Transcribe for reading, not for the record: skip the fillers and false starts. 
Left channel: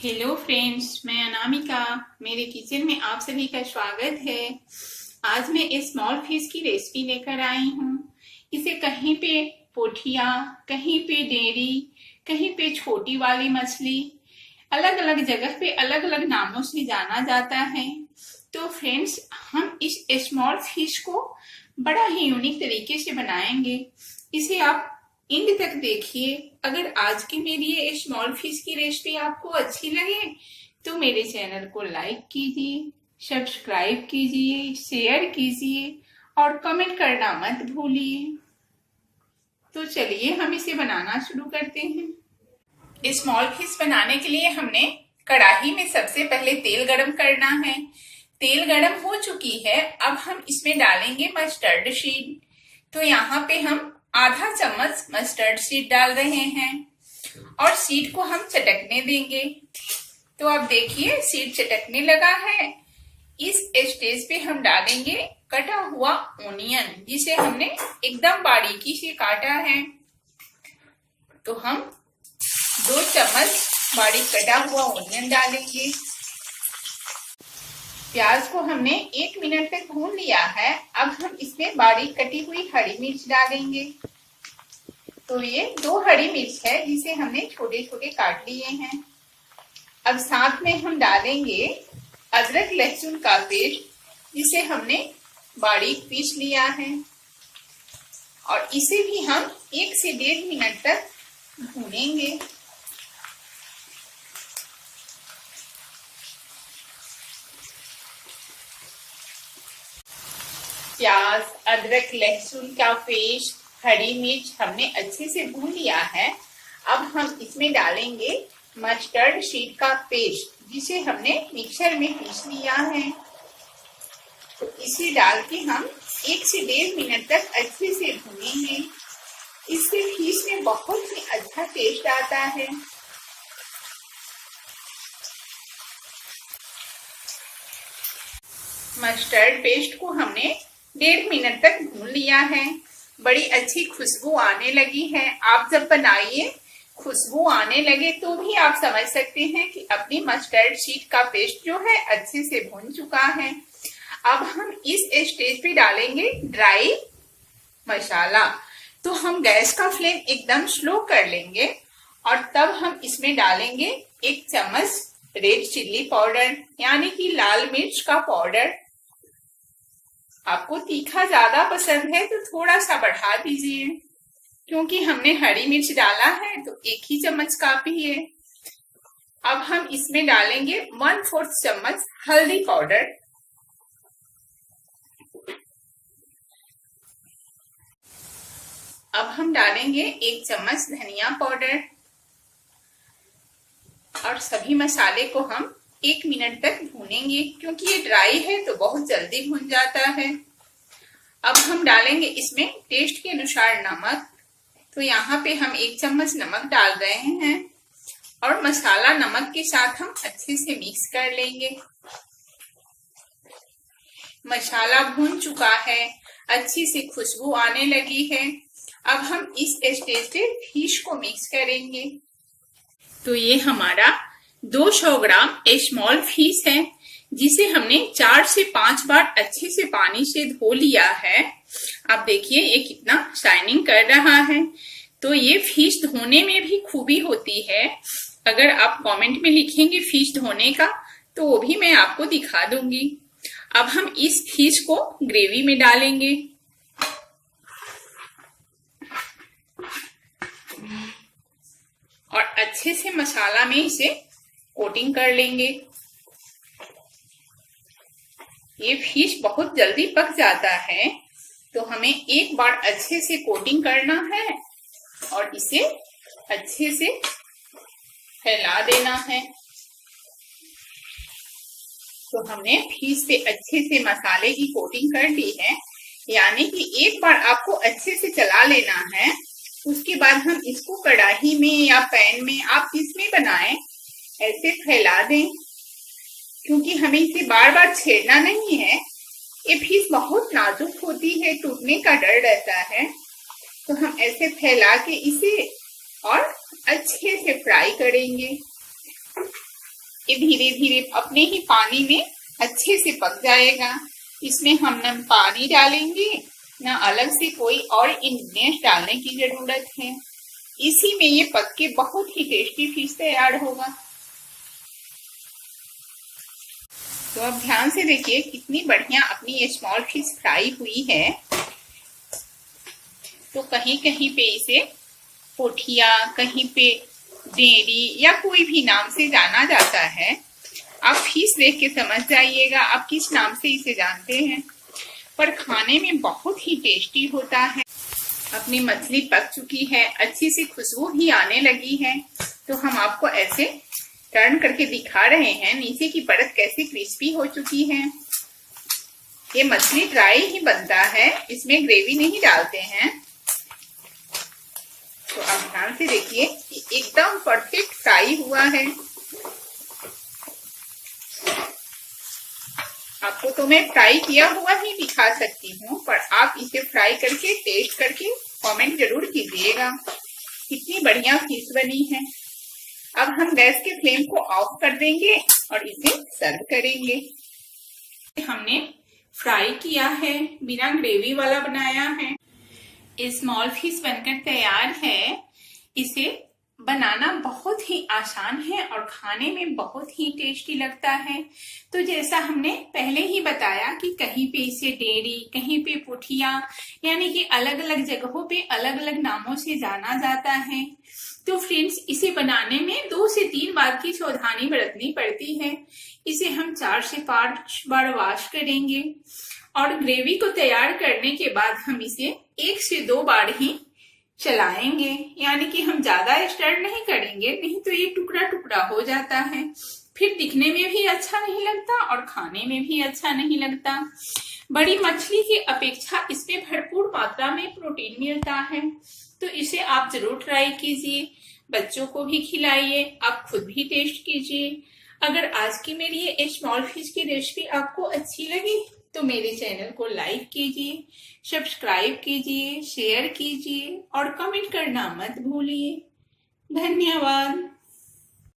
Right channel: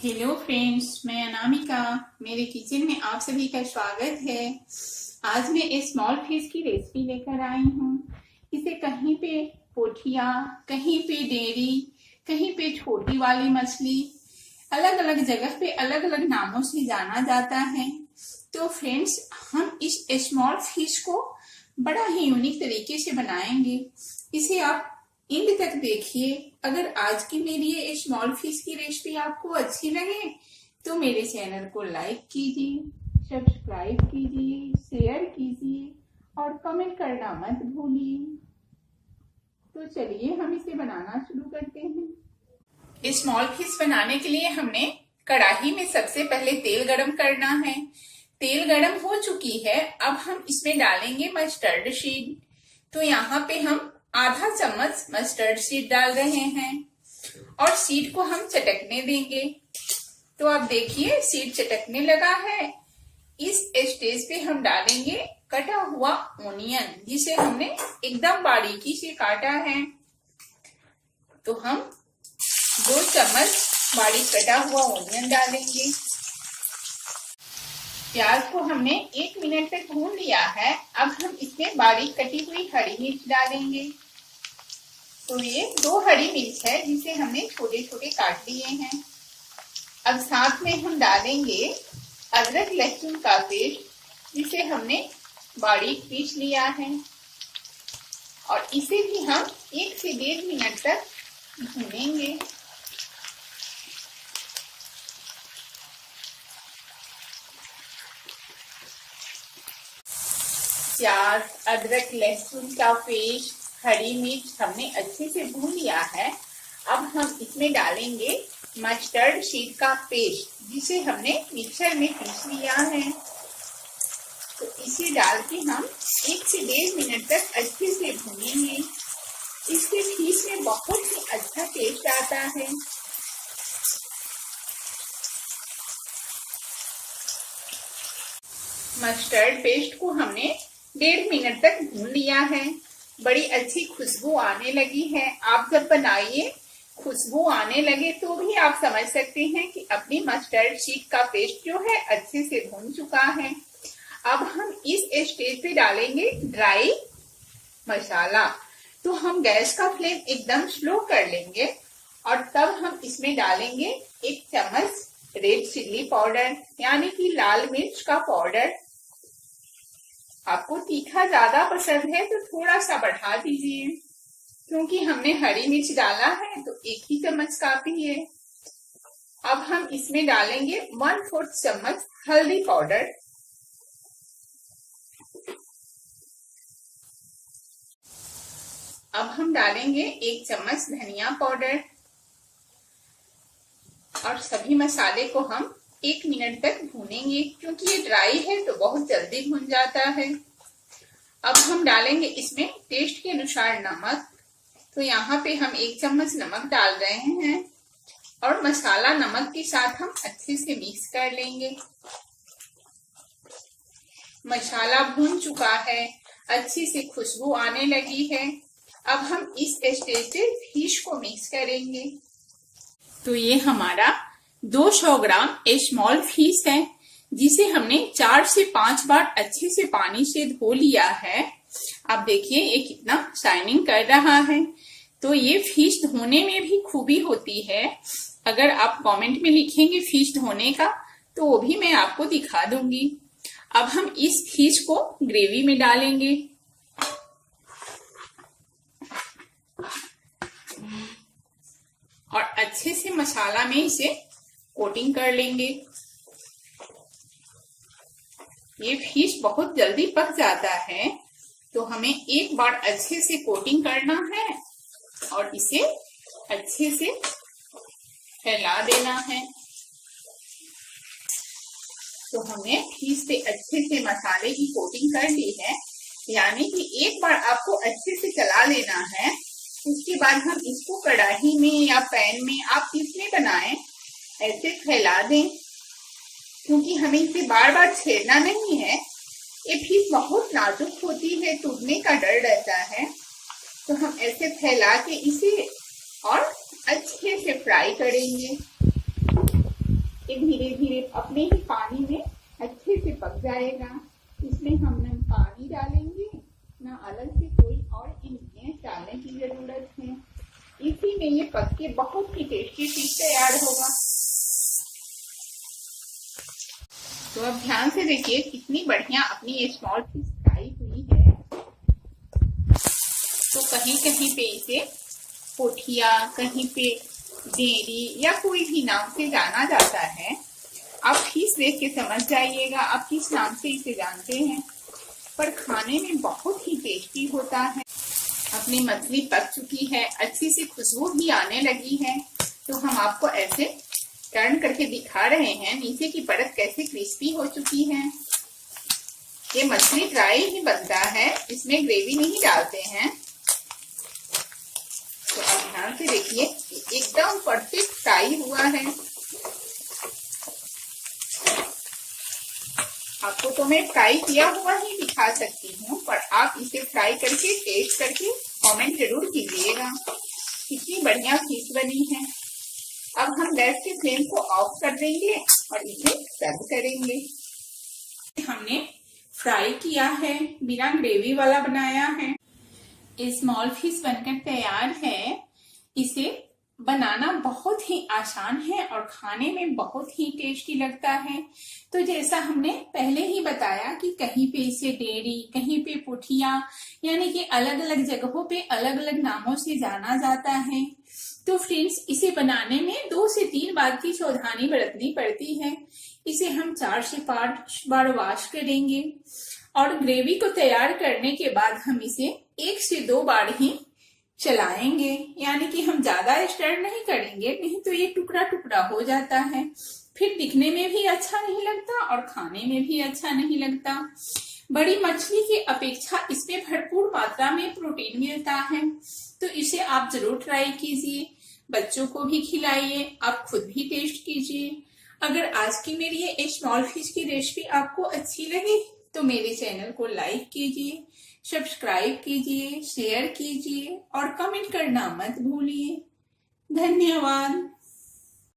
Hello friends, मैं अनामिका। मेरे kitchen में आप सभी का स्वागत है। आज मैं एक स्मॉल फिश की रेसिपी लेकर आई हूँ। इसे कहीं पे पोठिया, कहीं पे डेरी, कहीं पे छोटी वाली मछली, अलग अलग जगह पे अलग अलग नामों से जाना जाता है। तो फ्रेंड्स, हम इस स्मॉल फिश को बड़ा ही यूनिक तरीके से बनाएंगे। इसे आप एंड तक देखिए। अगर आज की मेरी ये स्मॉल फिश की रेसिपी आपको अच्छी लगे तो मेरे चैनल को लाइक कीजिए, सब्सक्राइब कीजिए, शेयर कीजिए और कमेंट करना मत भूलिए। तो चलिए हम इसे बनाना शुरू करते हैं। स्मॉल फिश बनाने के लिए हमने कढ़ाई में सबसे पहले तेल गरम करना है। तेल गरम हो चुकी है। अब हम इसमें डालेंगे मस्टर्ड सीड। तो यहाँ पे हम आधा चम्मच मस्टर्ड सीड डाल रहे हैं और सीड को हम चटकने देंगे। तो अब देखिए सीड चटकने लगा है। इस स्टेज पे हम डालेंगे कटा हुआ ओनियन, जिसे हमने एकदम बारीकी से काटा है। तो हम 2 चम्मच बारीक कटा हुआ ओनियन डालेंगे। प्याज को हमने 1 मिनट तक भून लिया है। अब हम इसमें बारीक कटी हुई हरी मिर्च डालेंगे। तो ये 2 हरी मिर्च है जिसे हमने छोटे छोटे काट लिए हैं। अब साथ में हम डालेंगे अदरक लहसुन का पेस्ट, जिसे हमने बारीक पीस लिया है और इसे भी हम 1 से 1.5 मिनट तक भूनेंगे। प्याज, अदरक लहसुन का पेस्ट, हरी मिर्च हमने अच्छे से भून लिया है। अब हम इसमें डालेंगे मस्टर्ड सीड का पेस्ट, जिसे हमने मिक्सर में पीस लिया है। तो इसे डाल के हम 1 से 1.5 मिनट तक अच्छे से भूनेंगे। इससे फिश में बहुत ही अच्छा टेस्ट आता है। मस्टर्ड पेस्ट को हमने 1.5 मिनट तक भून लिया है। बड़ी अच्छी खुशबू आने लगी है। आप जब बनाइए खुशबू आने लगे तो भी आप समझ सकते हैं कि अपनी मस्टर्ड सीड का पेस्ट जो है अच्छे से भून चुका है। अब हम इस स्टेज पे डालेंगे ड्राई मसाला। तो हम गैस का फ्लेम एकदम स्लो कर लेंगे और तब हम इसमें डालेंगे 1 चम्मच रेड चिल्ली पाउडर, यानी कि लाल मिर्च का पाउडर। आपको तीखा ज्यादा पसंद है तो थोड़ा सा बढ़ा दीजिए, क्योंकि हमने हरी मिर्च डाला है तो 1 ही चम्मच काफी है। अब हम इसमें डालेंगे 1/4 चम्मच हल्दी पाउडर। अब हम डालेंगे 1 चम्मच धनिया पाउडर और सभी मसाले को हम 1 मिनट तक भूनेंगे, क्योंकि ये ड्राई है तो बहुत जल्दी भून जाता है। अब हम डालेंगे इसमें टेस्ट के अनुसार नमक। तो यहाँ पे हम 1 चम्मच नमक डाल रहे हैं और मसाला नमक के साथ हम अच्छे से मिक्स कर लेंगे। मसाला भून चुका है, अच्छी सी खुशबू आने लगी है। अब हम इस स्टेज पे फिश को मिक्स करेंगे। तो ये हमारा 200 ग्राम स्मॉल फिश है, जिसे हमने 4 से 5 बार अच्छे से पानी से धो लिया है। आप देखिए ये कितना शाइनिंग कर रहा है। तो ये फिश धोने में भी खूबी होती है। अगर आप कमेंट में लिखेंगे फिश धोने का तो वो भी मैं आपको दिखा दूंगी। अब हम इस फिश को ग्रेवी में डालेंगे। और अच्छे से मसाला में इसे कोटिंग कर लेंगे। ये फिश बहुत जल्दी पक जाता है, तो हमें एक बार अच्छे से कोटिंग करना है और इसे अच्छे से फैला देना है। तो हमने फिश पे अच्छे से मसाले की कोटिंग कर ली है, यानी कि एक बार आपको अच्छे से चला लेना है। उसके बाद हम इसको कढ़ाई में या पैन में, आप जिसमें बनाएं, ऐसे फैला दें, क्योंकि हमें इसे बार बार छेड़ना नहीं है। ये फिश बहुत नाजुक होती है, टूटने का डर रहता है। तो हम ऐसे फैला के इसे और अच्छे से फ्राई करेंगे। ये धीरे धीरे अपने ही पानी में अच्छे से पक जाएगा। इसमें हम न पानी डालेंगे ना अलग से कोई और इंग्रेडिएंट्स डालने की जरूरत है। इसी में ये पक के बहुत ही टेस्टी फिश तैयार होगा। तो अब ध्यान से देखिए कितनी बढ़िया अपनी ये स्मॉल फिश फ्राई हुई है। तो कहीं कहीं पे इसे पोठिया, कहीं पे डेरी या कोई भी नाम से जाना जाता है। आप फिश देख के समझ जाइएगा आप किस नाम से इसे जानते हैं, पर खाने में बहुत ही टेस्टी होता है। अपनी मछली पक चुकी है, अच्छी सी खुशबू भी आने लगी है। तो हम आपको ऐसे टर्न करके दिखा रहे हैं नीचे की परत कैसे क्रिस्पी हो चुकी है। ये मछली ड्राई ही बनता है, इसमें ग्रेवी नहीं डालते हैं। तो अब ध्यान से देखिए एकदम परफेक्ट फ्राई हुआ है। आपको तो मैं फ्राई किया हुआ ही दिखा सकती हूँ, पर आप इसे फ्राई करके टेस्ट करके कमेंट जरूर कीजिएगा कितनी बढ़िया फिश बनी है। अब हम गैस के फ्लेम को ऑफ कर देंगे और इसे सर्व करेंगे। हमने फ्राई किया है, बिना ग्रेवी वाला बनाया है। स्मॉल फिश बनकर तैयार है। इसे बनाना बहुत ही आसान है और खाने में बहुत ही टेस्टी लगता है। तो जैसा हमने पहले ही बताया कि कहीं पे इसे डेरी, कहीं पे पोठिया, यानी कि अलग अलग जगहों पे अलग अलग नामों से जाना जाता है। तो फ्रेंड्स इसे बनाने में 2 से 3 बार की सावधानी बरतनी पड़ती है। इसे हम 4 से 5 बार वॉश करेंगे और ग्रेवी को तैयार करने के बाद हम इसे 1 से 2 बार ही चलाएंगे, यानी कि हम ज्यादा स्टर नहीं करेंगे, नहीं तो ये टुकड़ा टुकड़ा हो जाता है, फिर दिखने में भी अच्छा नहीं लगता और खाने में भी अच्छा नहीं लगता। बड़ी मछली की अपेक्षा इसमें भरपूर मात्रा में प्रोटीन मिलता है। तो इसे आप जरूर ट्राई कीजिए, बच्चों को भी खिलाइए, आप खुद भी टेस्ट कीजिए। अगर आज की मेरी ये स्मॉल फिश की रेसिपी आपको अच्छी लगी तो मेरे चैनल को लाइक कीजिए, सब्सक्राइब कीजिए, शेयर कीजिए और कमेंट करना मत भूलिए। धन्यवाद।